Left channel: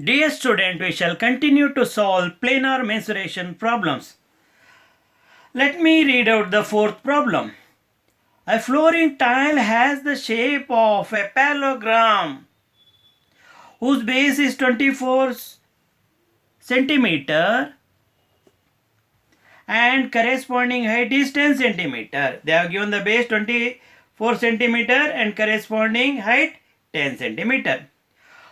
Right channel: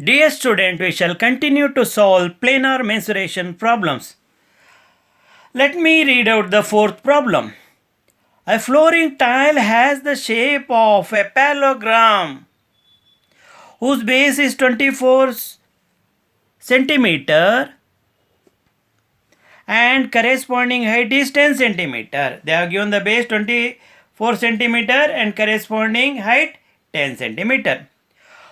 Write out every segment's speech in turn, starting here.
Dear student, we shall continue to solve planar mensuration problems. Let me read out the fourth problem. A flooring tile has the shape of a parallelogram whose base is 24 centimeter and corresponding height is 10 centimeter. They have given the base 24 centimeter and corresponding height 10 centimeter.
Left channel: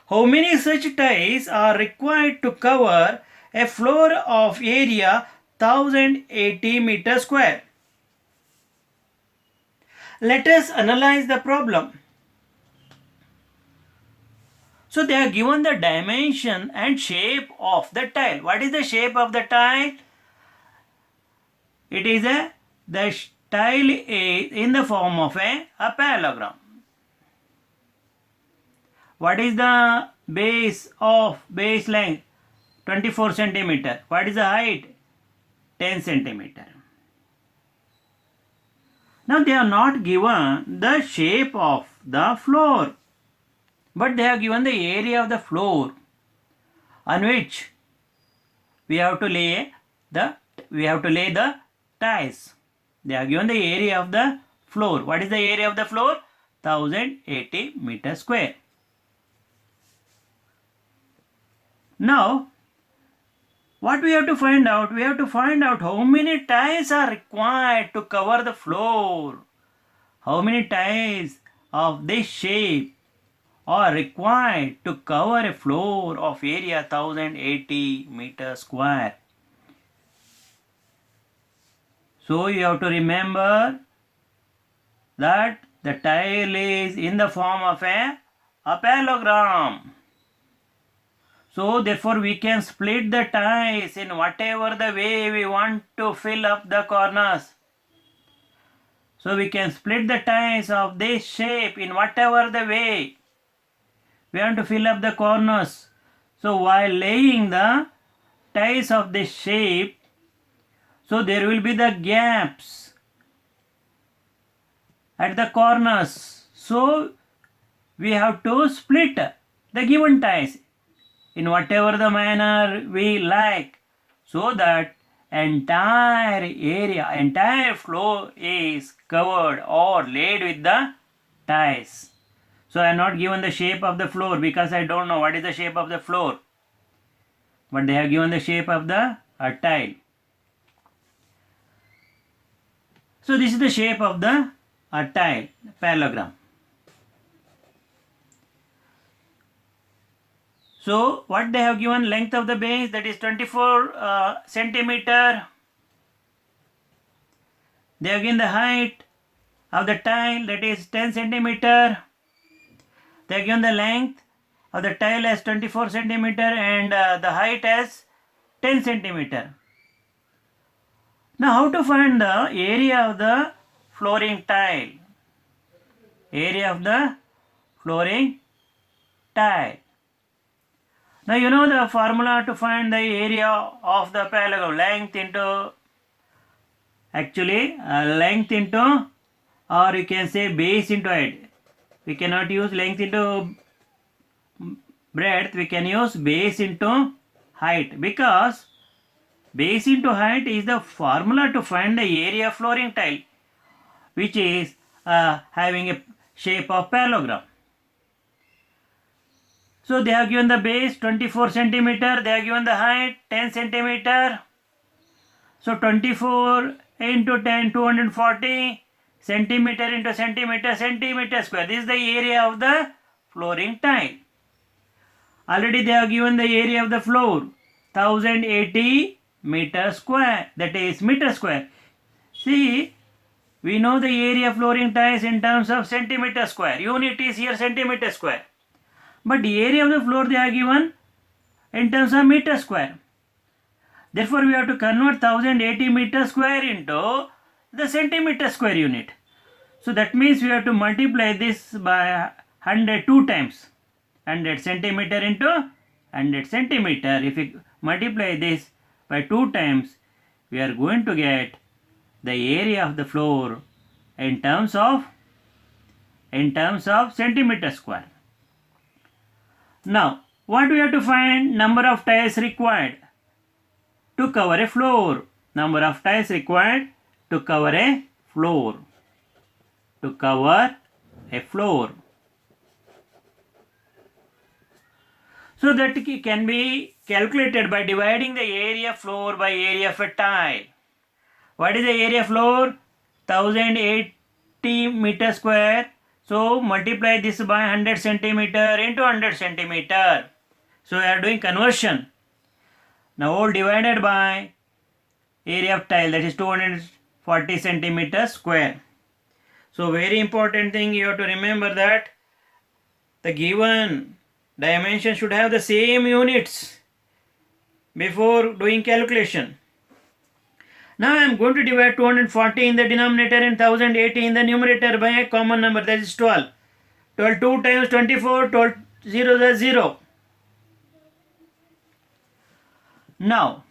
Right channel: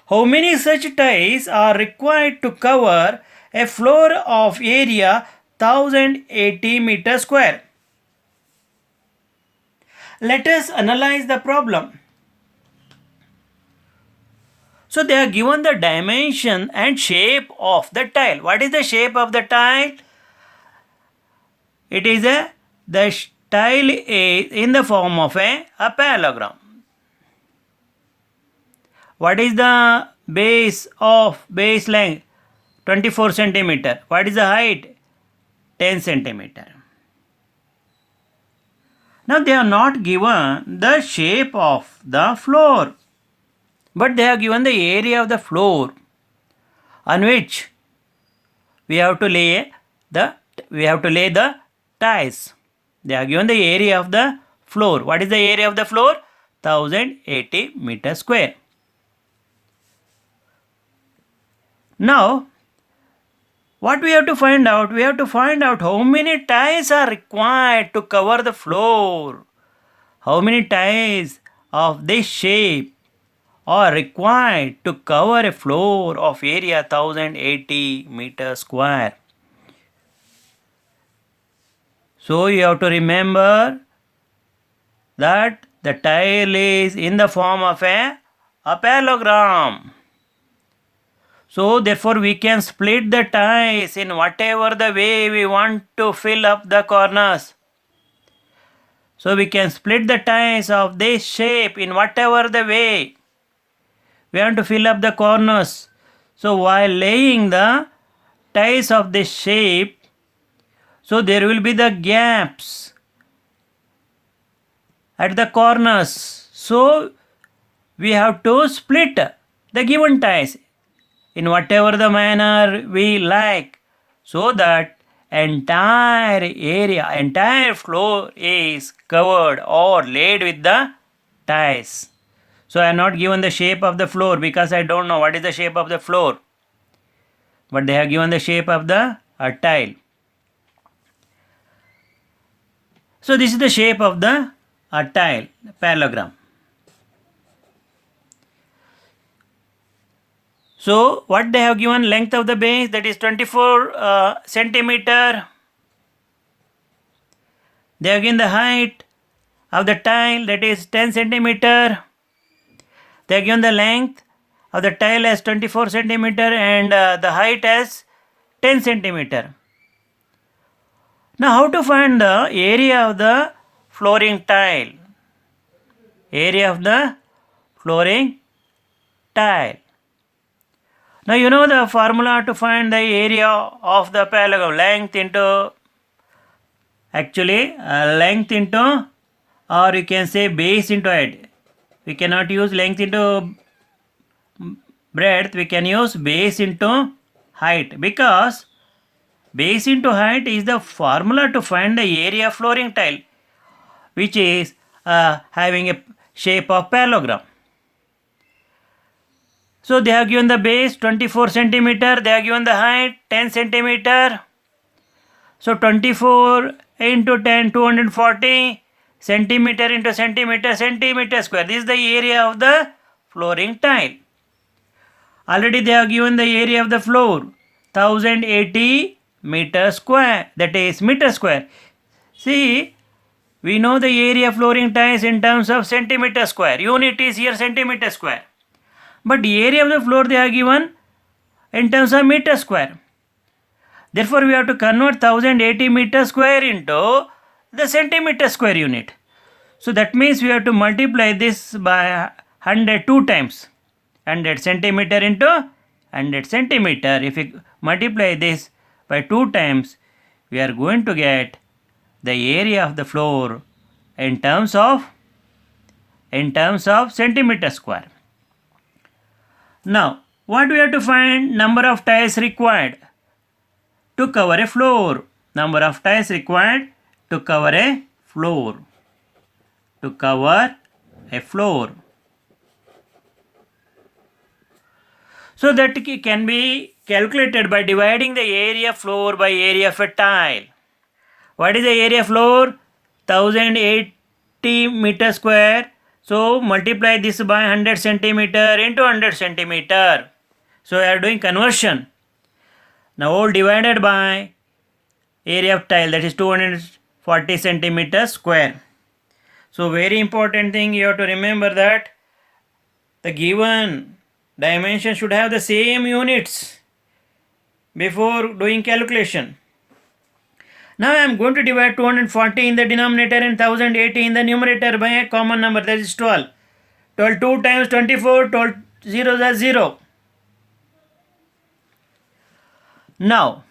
How many such tiles are required to cover a floor of area 1080 meter square? Let us analyze the problem. So they are given the dimension and shape of the tile. What is the shape of the tile? It is the tile is in the form of a parallelogram. What is the base length? 24 centimeter. What is the height? 10 centimeter. Now they are not given the shape of the floor, but they have given the area of the floor on which we have to lay the tiles. They have given the area of the floor. What is the area of the floor? 1080 meter square. Now what we have to find out? We have to find out how many tiles are required to cover the floor. How many tiles of this shape are required to cover a floor of area 1080 meter square. So you have to remember that the tile is in the form of a parallelogram. So therefore we can split the tiles in whatever the way we want to fill up the corners. So we can split the tiles of this shape in whatever the way we want to fill up the corners. So while laying the tiles of this shape, so there will be the gaps at the corners. So we have to split the given tiles in whatever the manner we like, so that entire floor is covered or laid with the tiles. So I am not given the shape of the floor because I don't know what is the shape of the floor, but they have given the shape of the tile. So this is the shape of the tile, parallelogram. So what they have given, length of the base, that is 24 centimeter. They have given the height of the tile, that is 10 centimeter. They have given the length of the tile as 24 centimeter and the height as 10 centimeter. Now how to find the area of the flooring tile? Area of the flooring tile. Now you know the formula to find the area of the parallelogram. Length into or you can say base into height. We cannot use length into breadth, we can use base into height, because base into height is the formula to find the area of flooring tile, which is having a shape of parallelogram. So they have given the base 24 centimeter, they have given the height 10 centimeter. So 24 into 10, 240 centimeter into centimeter square. This is the area of the flooring tile. Already they have given the area of the floor 1080 meter square, that is meter square. See, we know the area of flooring tiles in terms of centimeter square. Unit is here centimeter square. But the area of the floor they are given in terms of meter square. Therefore, we have to convert 1080 meter square into the centimeter square unit. So that means we have to multiply this by 100 two times. 100 centimeter into 100 centimeter. If we multiply this by 2 times, we are going to get the area of the floor in terms of centimeter square. Now What we have to find? Number of tiles required to cover a floor. Number of tiles required to cover a floor. To cover a floor. So that can be calculated by dividing the area floor by area of a tile. What is the area floor? 1080 meter square. So multiply this by 100 centimeter into 100 centimeter. So we are doing conversion. Now all divided by area of tile, that is 240 centimeter square. So very important thing you have to remember that the given dimension should have the same units before doing calculation. Now I am going to divide 240 in the denominator and 1080 in the numerator by a common number, that is 12. 12 2 times 24, 12 zeros are 0. Now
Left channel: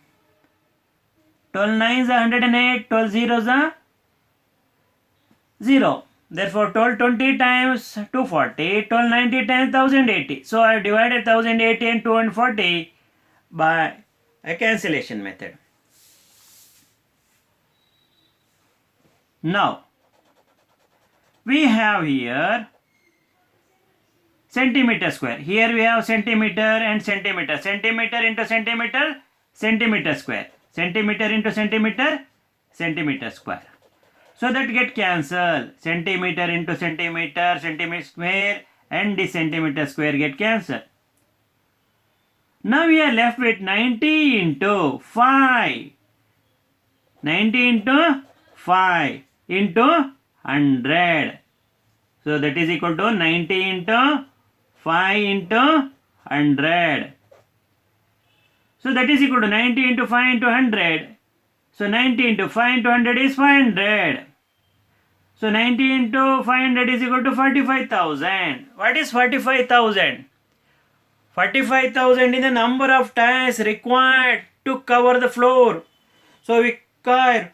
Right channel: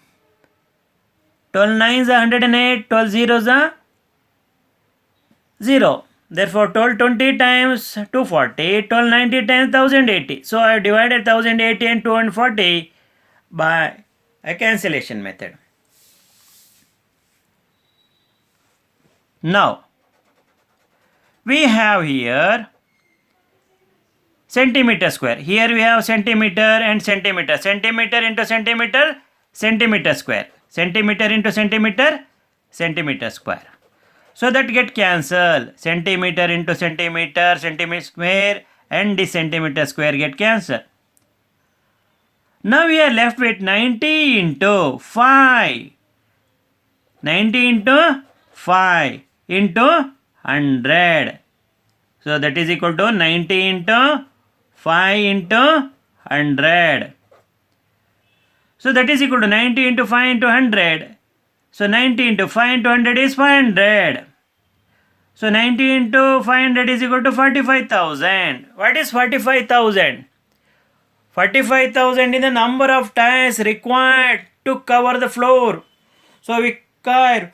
12 nines are 108, 12 zeros are 0. Therefore 1220 times 240, 1290 times 1080. So I have divided 1080 and 240 by a cancellation method. Now we have here centimeter square. Here we have centimeter and centimeter. Centimeter into centimeter, centimeter square. Centimeter into centimeter, centimeter square. So that get cancelled. Centimeter into centimeter, centimeter square and the centimeter square get cancelled. Now we are left with 90 into 5. 90 into 5 into 100. So that is equal to 90 into 5 into 100. So that is equal to 90 into 5 into 100. So 90 into 5 into 100 is 500. So 90 into 500 is equal to 45,000. What is 45,000? 45,000 is the number of tiles required to cover the floor. So we require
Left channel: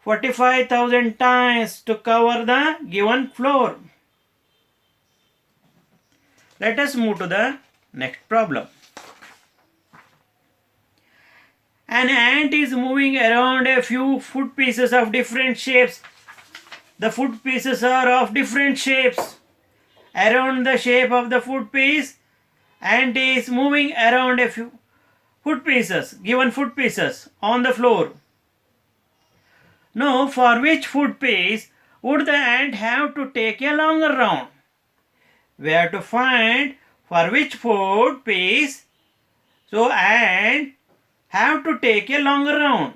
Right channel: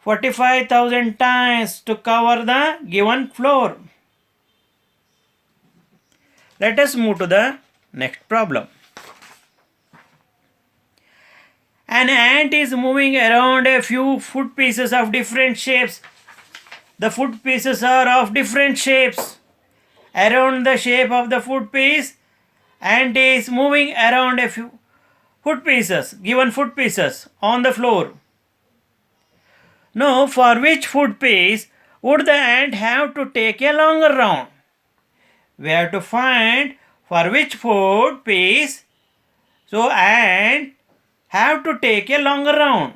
45,000 tiles to cover the given floor. Let us move to the next problem. An ant is moving around a few foot pieces of different shapes. The foot pieces are of different shapes. Around the shape of the foot piece, ant is moving around a few foot pieces, given foot pieces on the floor. Now, for which foot piece would the ant have to take a longer round? We have to find for which foot piece so ant have to take a longer round.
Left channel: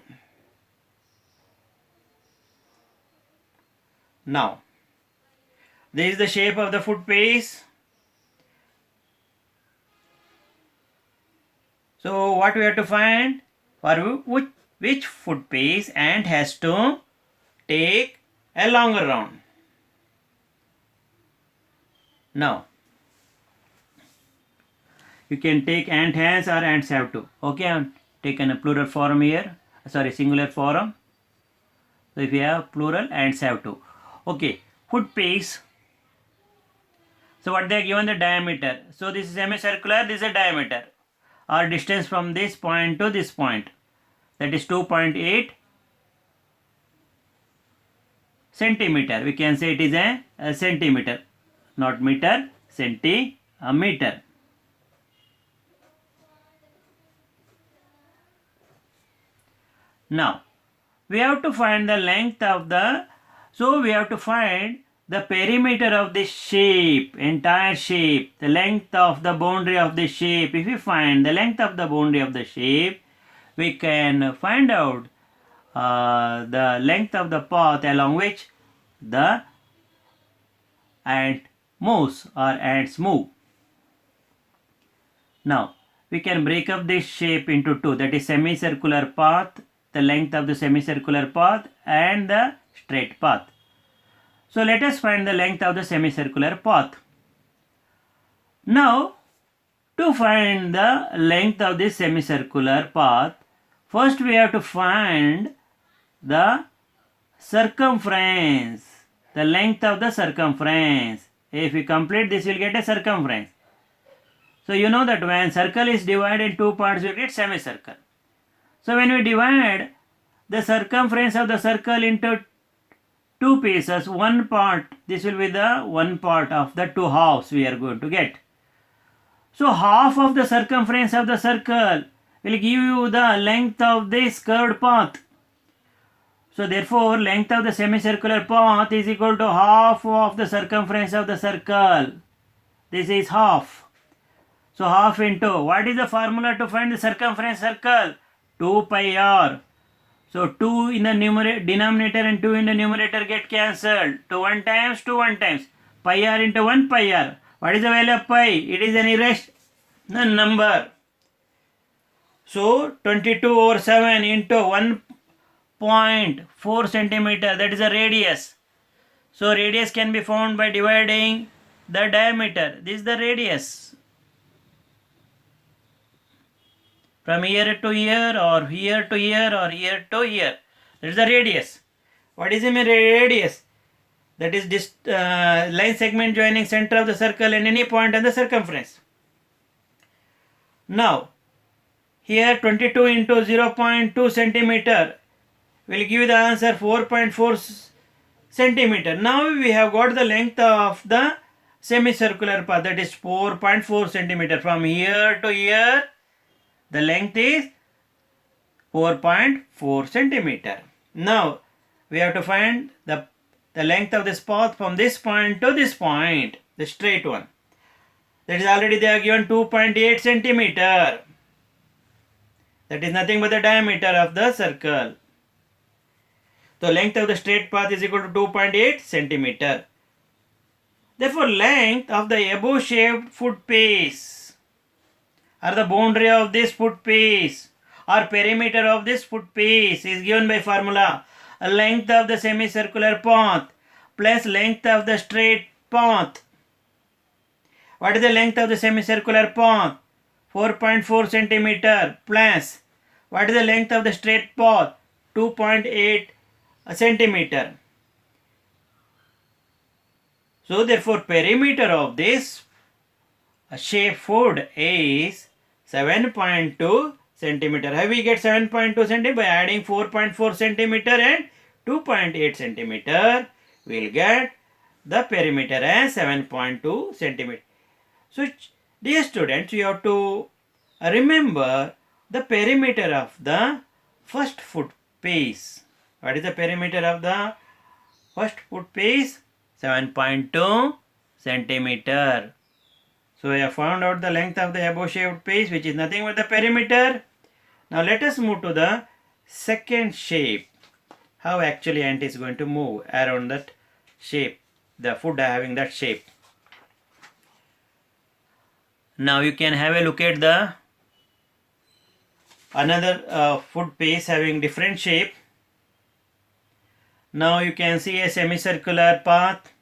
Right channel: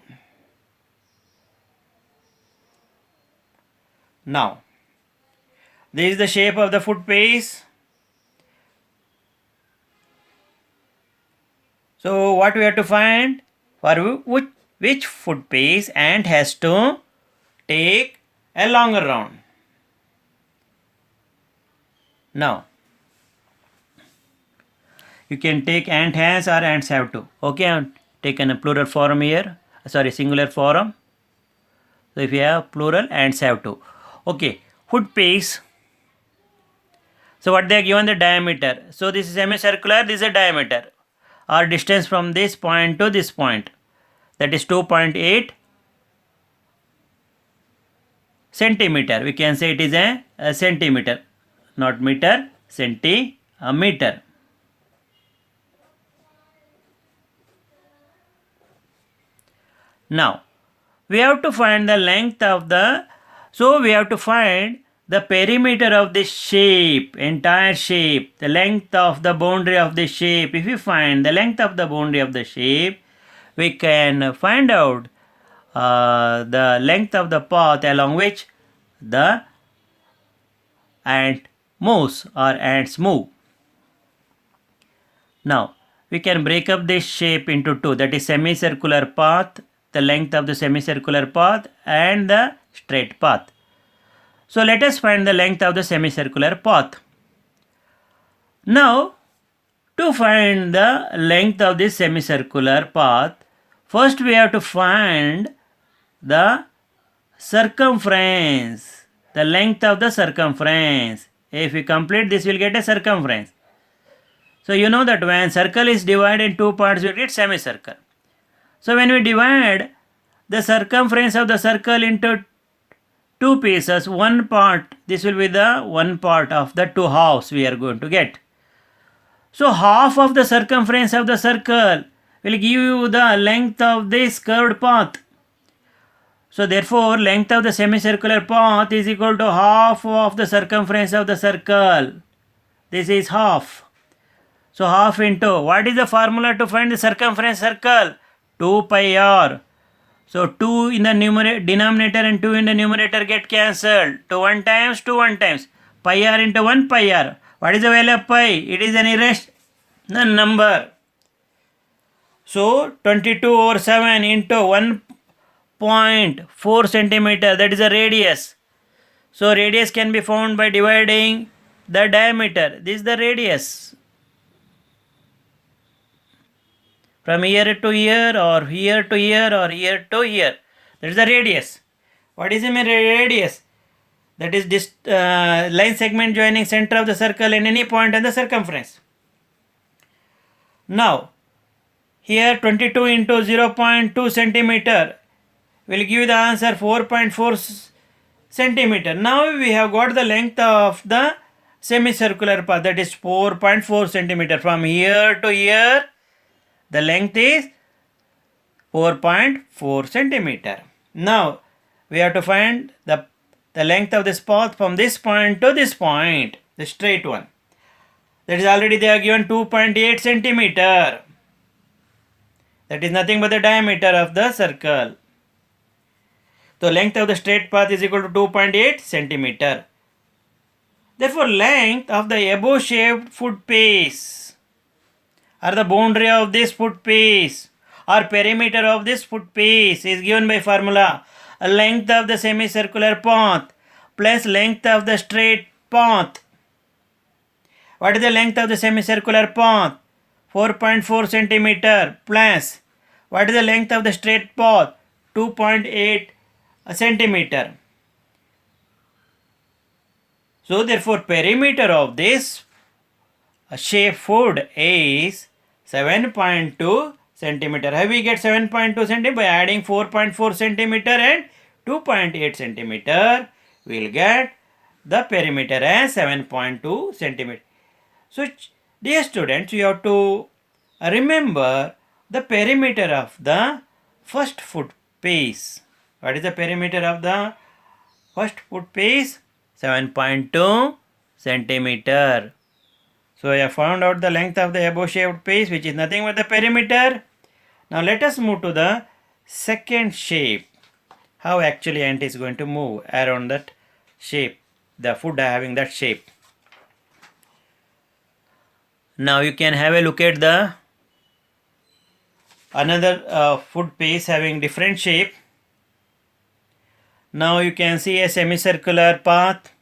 Now, this is the shape of the foot piece. So what we have to find? For which foot piece ant has to take a longer round. Now, you can take ant has or ants have to. Okay, I have taken a plural form here. Sorry, singular form. So if you have plural, ants have to. Okay, foot piece. So what they are given the diameter. So this is semicircular, this is a diameter or distance from this point to this point. That is 2.8 centimeter. We can say it is a centimeter, not meter, centimeter. Now, we have to find the length of the, so we have to find the perimeter of the shape, entire shape, the length of the boundary of the shape. If we find the length of the boundary of the shape, we can find out the length of the path along which the ant moves or ants move. Now, we can break up this shape into two, that is semicircular path, the length of the semicircular path and the straight path. So let us find the length of the semicircular path. Now, to find the length of this semicircular path, first we have to find the circumference, the length of the circumference. If we complete this, we will get a circumference. So you know that when circle is divided in two parts, we get semicircle. So when we divide the circumference of the circle into two pieces, one part, this will be the one part of the two halves we are going to get. So half of the circumference of the circle will give you the length of this curved path. So therefore length of the semicircular path is equal to half of the circumference of the circle. This is half. So half into, what is the formula to find the circumference circle? 2 pi r. So 2 in the denominator and 2 in the numerator get cancelled. 2 1 times, 2 1 times. Pi r into 1 pi r. What is the value of pi? It is an irrational number. So 22 over 7 into 1.4 centimeter, that is a radius. So radius can be found by dividing the diameter. This is the radius. From here to here, or here to here, or here to here. That is the radius. What is the radius? That is this line segment joining center of the circle and any point on the circumference. Now, here 22 into 0.2 centimeter will give you the answer 4.4 centimeter. Now we have got the length of the semicircular path, that is 4.4 centimeter. From here to here, the length is 4.4 centimeter. Now we have to find the length of this path from this point to this point, the straight one. That is already they are given 2.8 centimeter. That is nothing but the diameter of the circle. The length of the straight path is equal to 2.8 centimeter. Therefore, length of the above shaped foot piece, or the boundary of this foot piece, or perimeter of this foot piece, is given by formula length of the semicircular path plus length of the straight path. What is the length of the semicircular path? 4.4 centimeter plus what is the length of the straight path? 2.8 centimeter. So therefore perimeter of this shape foot is 7.2 centimeter. How we get 7.2 centimeter? By adding 4.4 centimeter and 2.8 centimeter, we will get the perimeter as 7.2 centimeter. So dear students, you have to remember the perimeter of the first foot piece. What is the perimeter of the first foot piece? 7.2 centimeter. So I have found out the length of the above shaped piece, which is nothing but the perimeter. Now let us move to the second shape. How actually ant is going to move around that shape, the foot having that shape. Now you can have a look at the another foot piece having different shape. Now you can see a semicircular path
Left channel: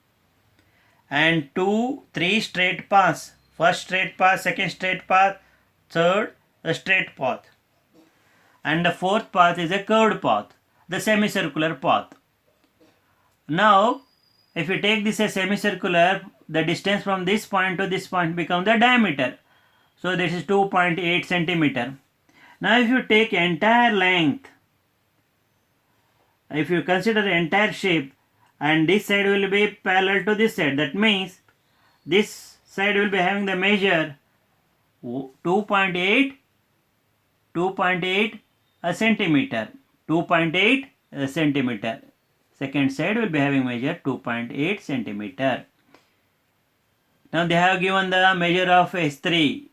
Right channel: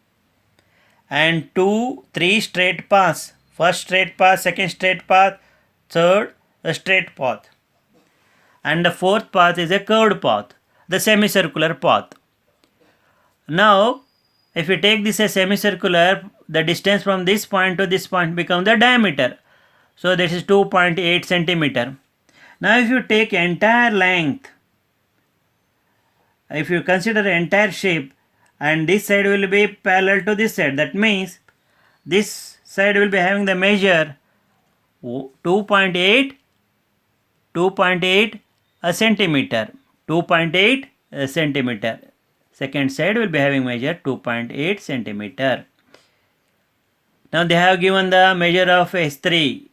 and 3 straight paths. First straight path, second straight path, third a straight path. And the fourth path is a curved path, the semicircular path. Now if you take this as semicircular, the distance from this point to this point becomes the diameter. So this is 2.8 centimeter. Now if you take entire length, if you consider the entire shape, and this side will be parallel to this side, that means this side will be having the measure 2.8 centimeter. 2.8 centimeter. Second side will be having measure 2.8 centimeter. Now they have given the measure of S3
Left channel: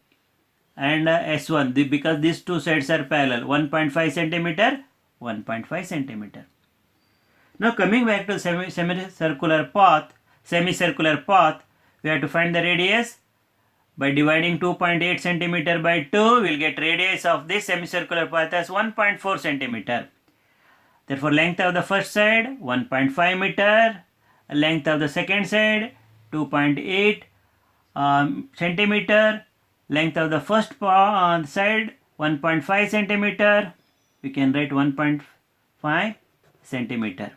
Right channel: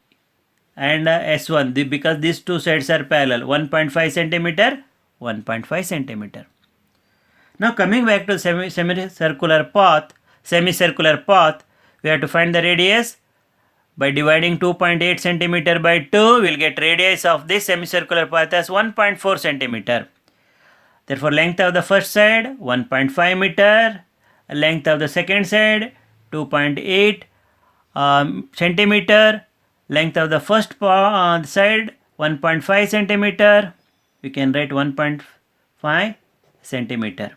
and S1 because these two sides are parallel, 1.5 centimeter, 1.5 centimeter. Now coming back to semicircular path, we have to find the radius. By dividing 2.8 centimeter by 2, we will get radius of this semicircular path as 1.4 centimeter. Therefore length of the first side 1.5 meter, length of the second side 2.8 centimeter, length of the first side 1.5 centimeter. We can write 1.5 centimeter.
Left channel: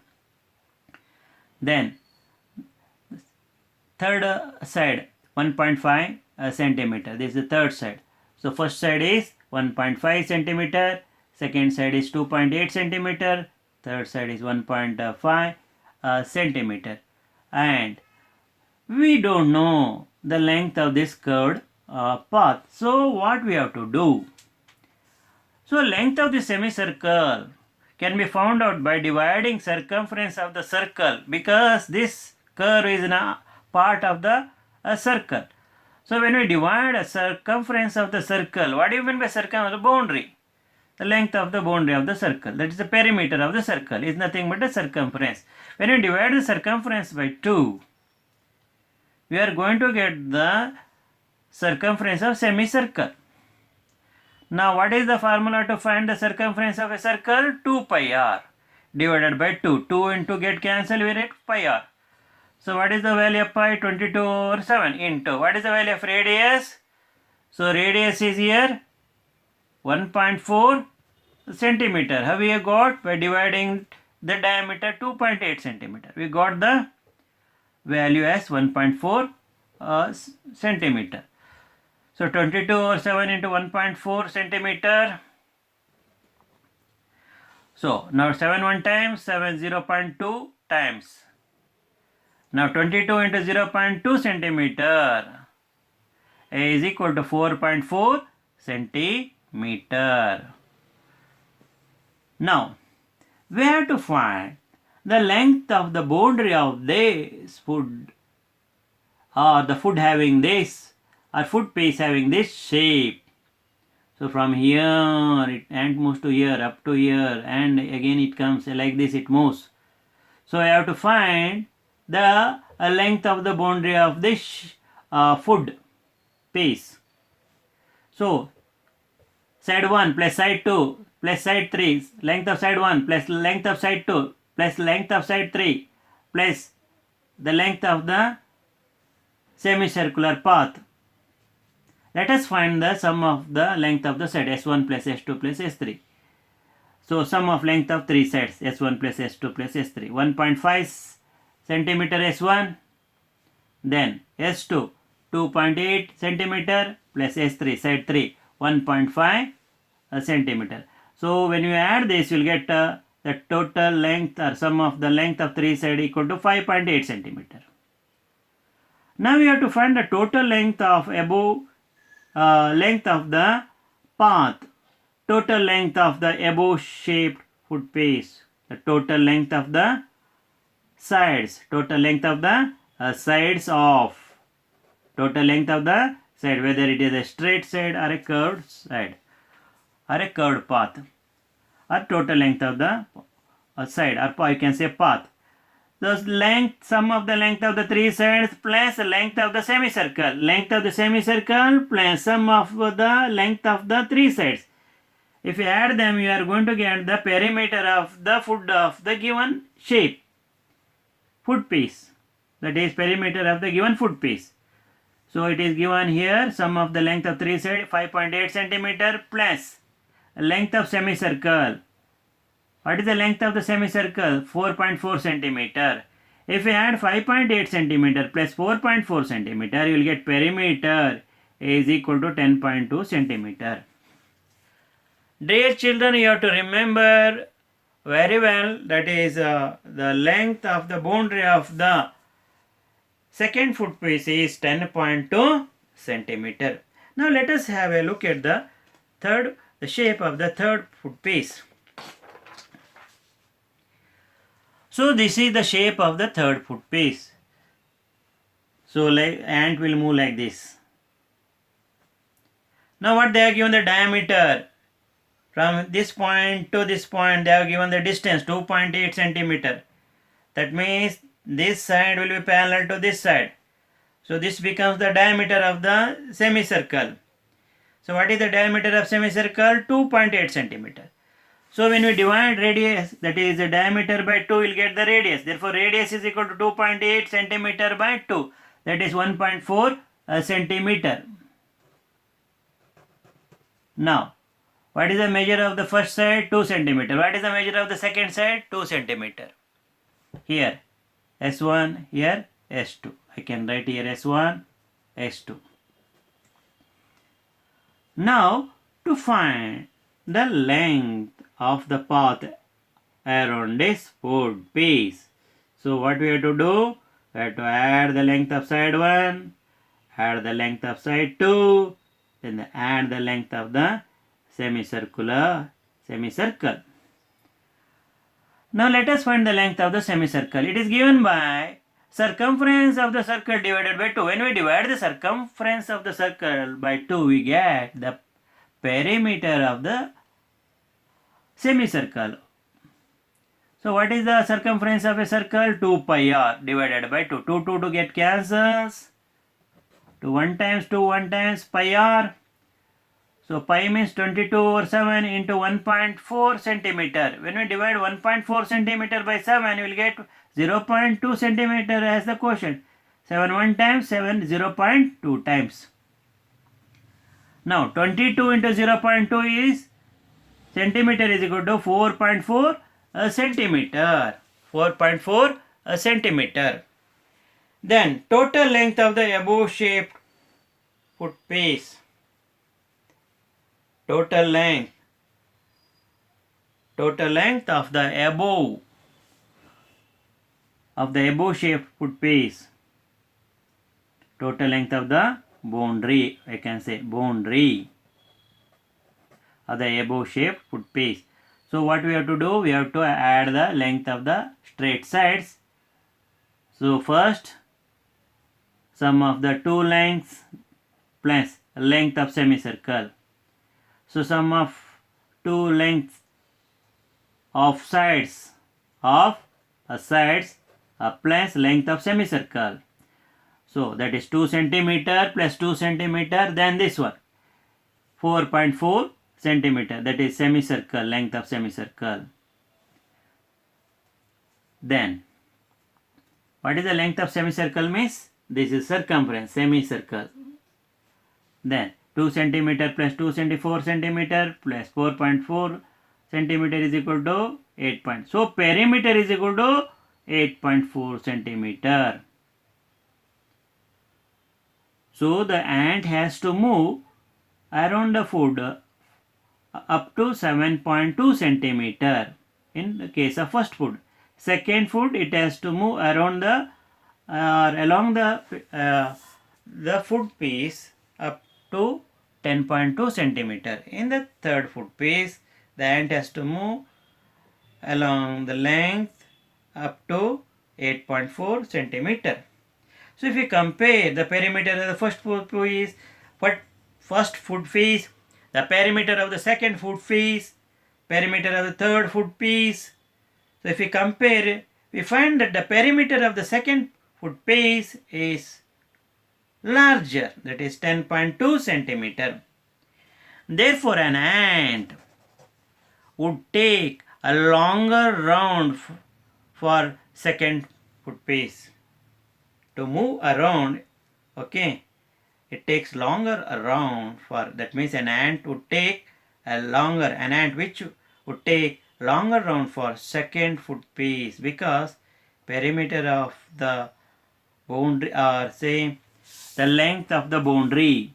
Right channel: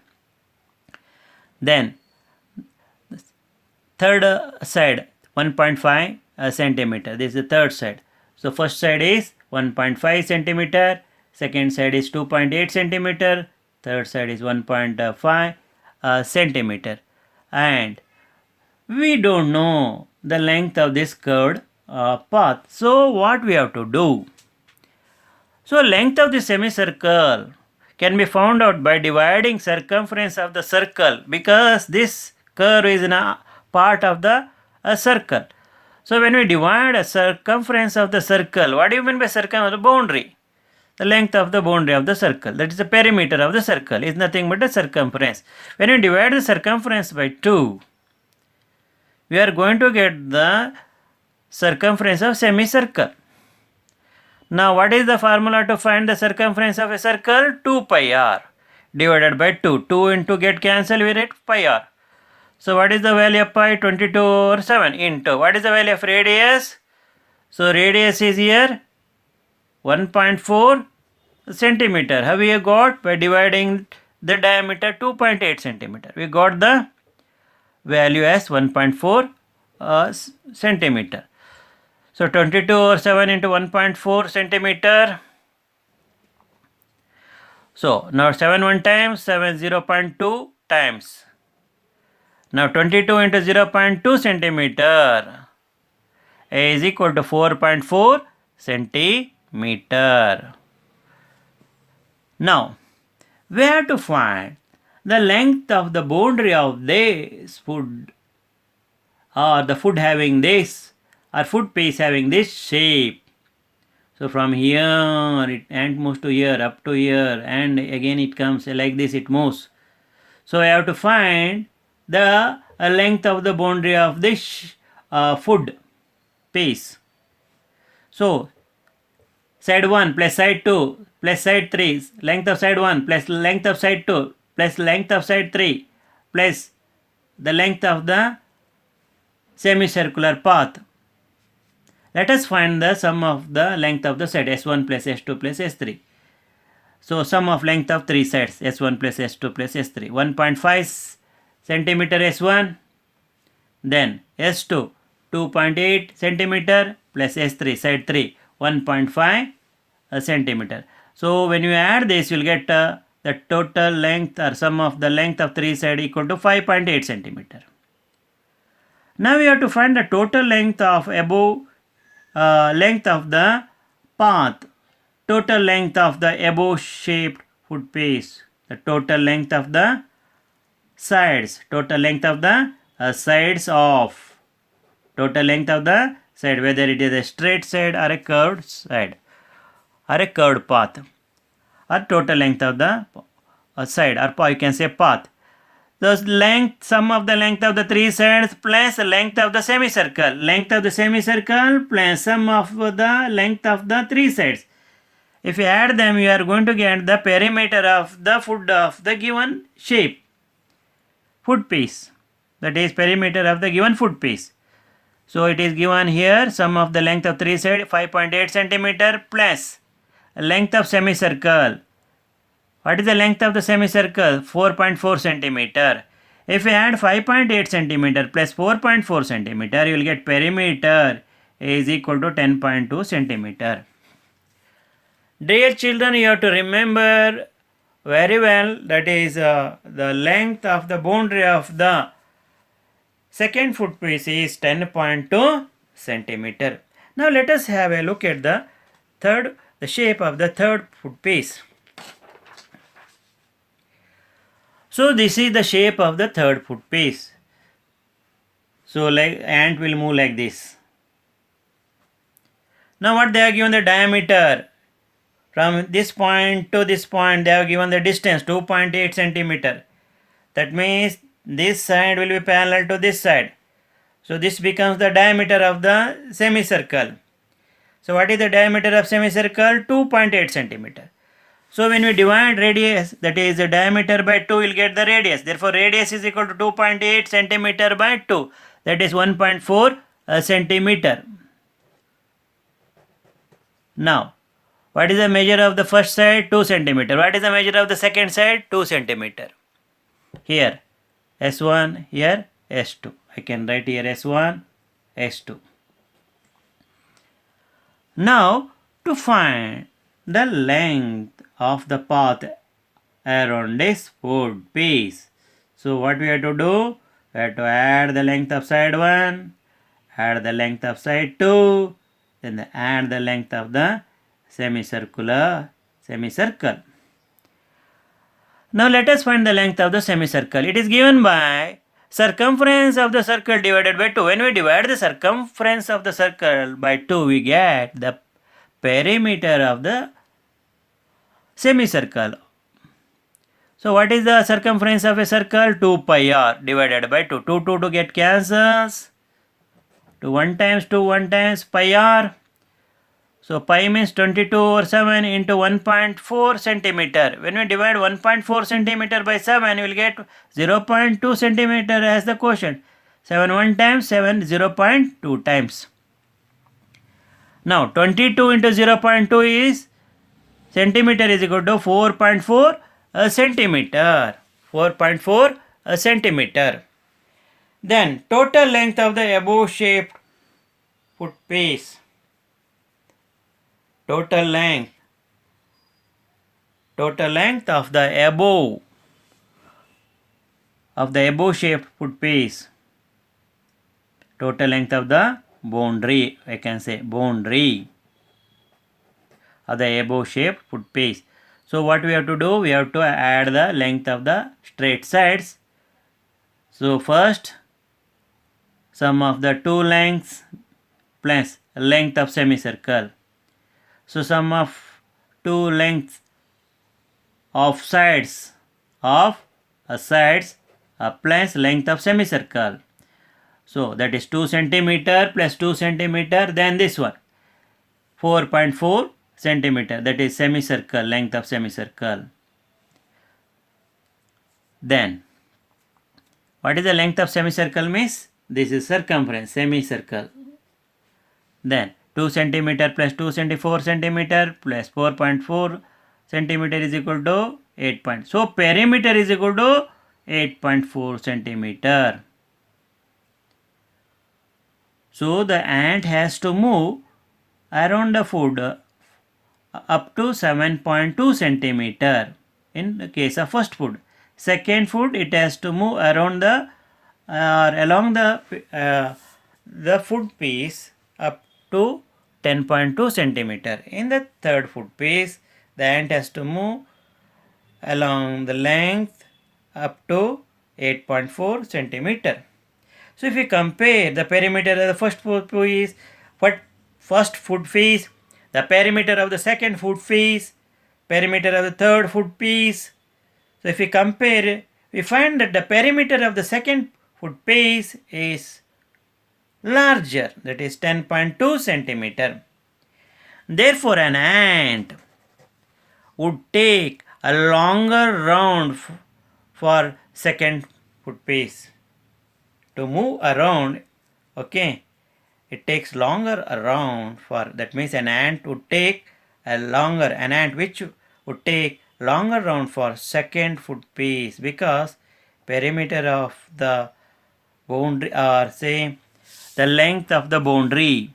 Then third side 1.5 centimeter. This is the third side. So first side is 1.5 centimeter, second side is 2.8 centimeter, third side is 1.5 centimeter. And we don't know the length of this curved path. So what we have to do? So length of the semicircle can be found out by dividing circumference of the circle, because this curve is in a part of the circle. So when we divide a circumference of the circle, what do you mean by circumference? The boundary. The length of the boundary of the circle, that is the perimeter of the circle, is nothing but the circumference. When we divide the circumference by 2, we are going to get the circumference of semicircle. Now what is the formula to find the circumference of a circle? 2 pi r divided by 2. 2 into get cancelled, we get pi r. So what is the value of pi? 22 over 7 into, what is the value of radius? So radius is here 1.4 centimeter. How we have got? By dividing the diameter 2.8 centimeter. We got the value as 1.4 centimeter. So 22 over 7 into 1.4 centimeter. So now 7 1 times, 7 0.2 times. Now 22 into 0.2 centimeter is equal to 4.4 centimeter. Now we have to find the length of the boundary of this foot, or the foot having this, or foot piece having this shape. So from here it ant moves to here, up to here, and again it comes like this, it moves. So I have to find the length of the boundary of this foot piece. So side 1 plus side 2 plus side 3, length of side 1 plus length of side 2 plus length of side 3 plus the length of the semicircular path. Let us find the sum of the length of the side S1 plus S2 plus S3. So sum of length of three sides S1 plus S2 plus S3. 1.5 centimeter S1, then S2 2.8 centimeter plus S3 side 3 1.5 centimeter. So when you add this, you will get the total length or sum of the length of three sides equal to 5.8 centimeter. Now we have to find the total length of above length of the path, total length of the above shaped foot piece, the total length of the sides, total length of the sides of, total length of the side, whether it is a straight side or a curved side or a curved path, or total length of the side, or you can say path. The length, sum of the length of the three sides plus length of the semicircle, length of the semicircle plus sum of the length of the three sides. If you add them, you are going to get the perimeter of the foot of the given shape, foot piece, that is perimeter of the given foot piece. So it is given here, sum of the length of three sides 5.8 centimeter plus length of semicircle. What is the length of the semicircle? 4.4 centimeter. If you add 5.8 centimeter plus 4.4 centimeter, you will get perimeter is equal to 10.2 centimeter. Dear children, you have to remember very well, that is the length of the boundary of the second foot piece is 10.2 centimeter. Now let us have a look at the shape of the third foot piece. So this is the shape of the third foot piece. So like ant will move like this. Now what they have given the diameter, from this point to this point they have given the distance 2.8 centimeter. That means this side will be parallel to this side. So this becomes the diameter of the semicircle. So what is the diameter of semicircle? 2.8 centimeter. So when we divide radius, that is the diameter by 2, we will get the radius. Therefore radius is equal to 2.8 centimeter by 2, that is 1.4 centimeter. Now what is the measure of the first side? 2 centimeter. What is the measure of the second side? 2 centimeter. Here S1, here S2. I can write here S1, S2. Now to find the length of the path around this food piece. So what we have to do? We have to add the length of side 1, add the length of side 2, then add the length of the semicircle. Now let us find the length of the semicircle. It is given by circumference of the circle divided by 2. When we divide the circumference of the circle by 2, we get the perimeter of the semicircle. So what is the circumference of a circle? 2 pi r divided by 2. 2 to get cancels. 2 1 times pi r. So pi means 22 over 7 into 1.4 centimeter. When we divide 1.4 centimeter by 7, you will get 0.2 centimeter as the quotient. 7 1 times, 7 0.2 times. Now 22 into 0.2 is centimeter is equal to 4.4 centimeter. 4.4 centimeter. Then total length of the above shaped foot piece. Total length of the above shaped foot piece. Total length of the boundary, I can say boundary of the above shaped foot piece. So what we have to do? We have to add the length of the straight sides. So first sum of the two lengths plus length of semicircle. So sum of two lengths of sides plus length of semicircle. So that is 2 centimeter plus 2 centimeter, then this one 4.4 centimeter, that is semicircle, length of semicircle. Then what is the length of semicircle means? This is circumference, semicircle. Then 2 centimeter plus 2 4 centimeter plus 4.4 centimeter is equal to 8 point. So perimeter is equal to 8.4 centimeter. So the ant has to move around the food up to 7.2 centimeter in the case of first food. Second food, it has to move around along the food piece up to 10.2 centimeter. In the third foot piece, the ant has to move along the length up to 8.4 centimeter. So if we compare the perimeter of the first foot piece, the perimeter of the second foot piece, perimeter of the third foot piece. So if we compare, we find that the perimeter of the second foot piece is larger, that is 10.2 centimeter. Therefore, an ant would take a longer round for second foot piece to move around. Okay, it takes longer around for, that means an ant would take which would take longer round for second foot piece, because perimeter of the boundary, or say the length of the boundary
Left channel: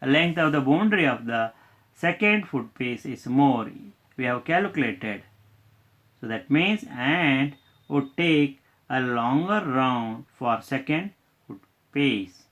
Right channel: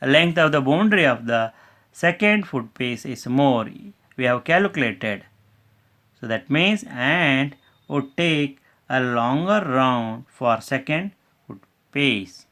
of the second foot piece is more, we have calculated. So that means ant would take a longer round for second foot piece.